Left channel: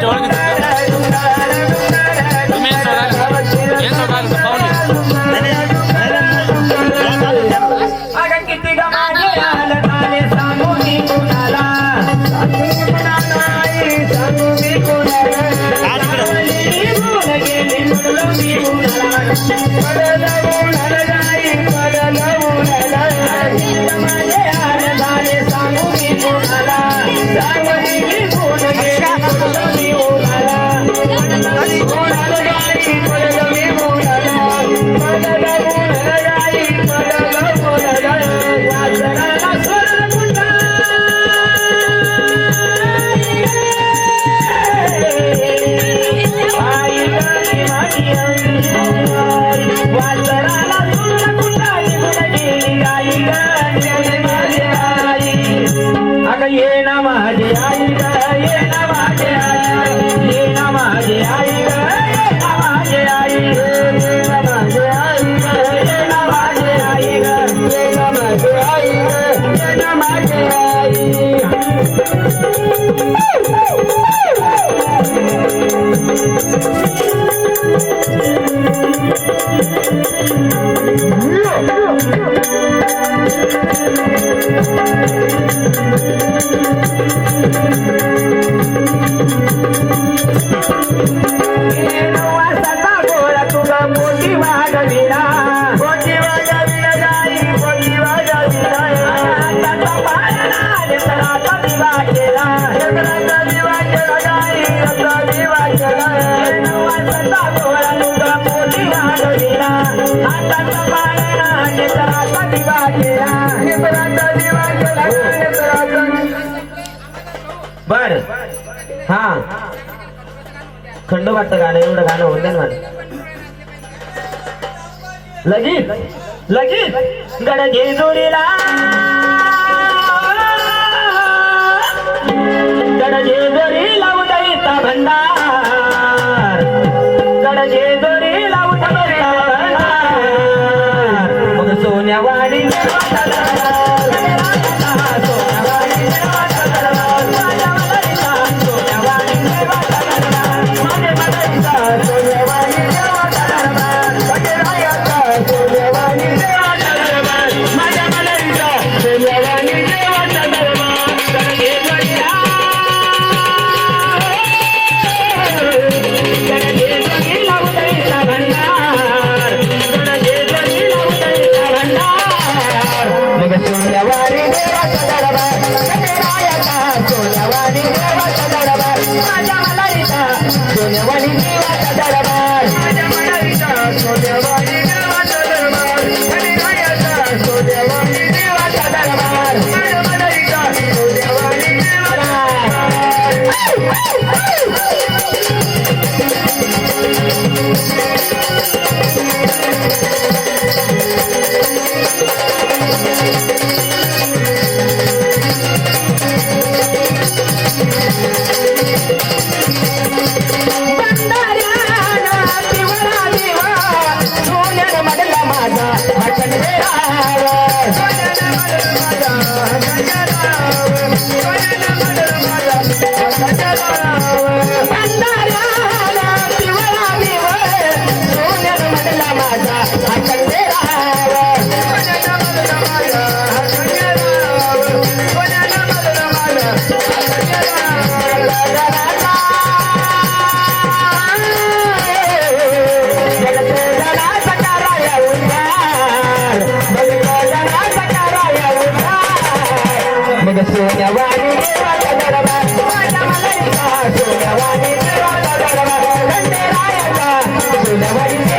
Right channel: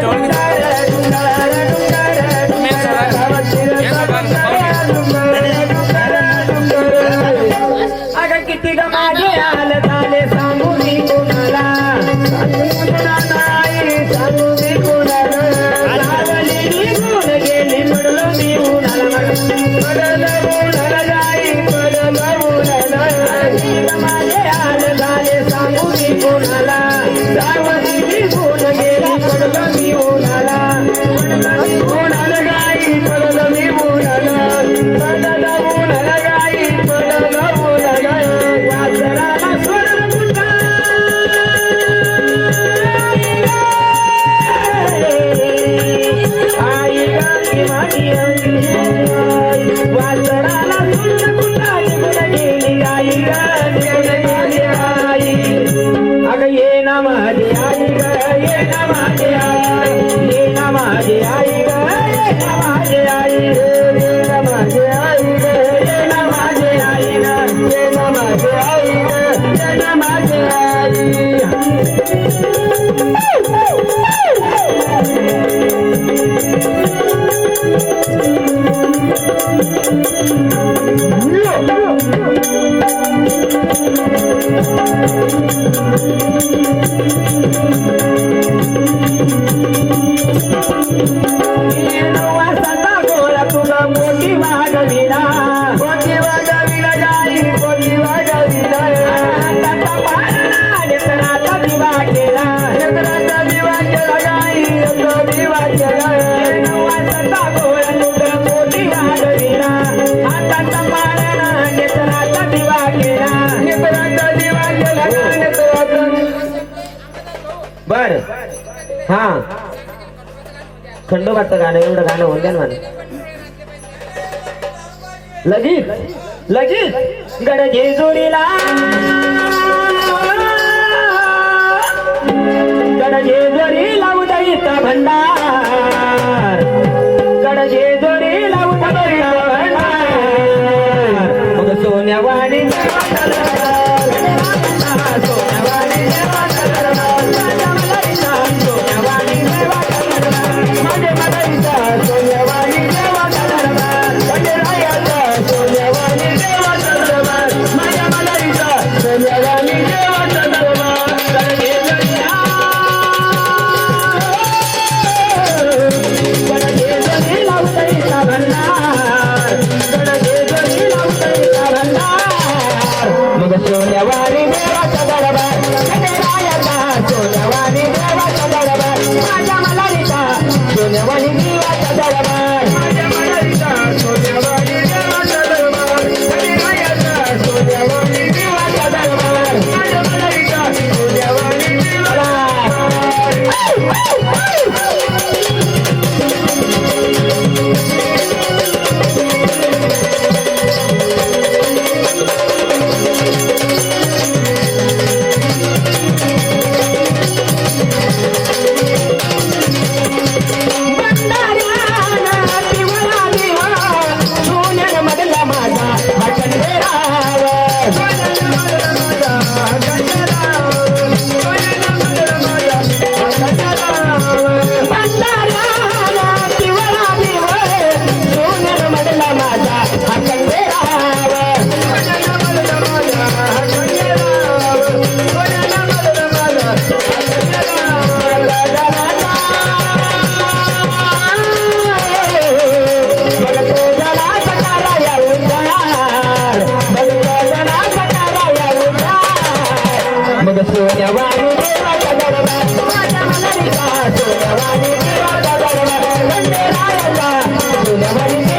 तुमच्या ओळखीत तुम्ही हे सगळं पाहुणे किती Thank you. अग ये ना माझे आई ये ना माझे बर. हा. खंडोबाचं गाणं एवढं गाणं होऊन जाईल मला. लगीत लगीत. गडगे जोडीला. Thank you. Thank you.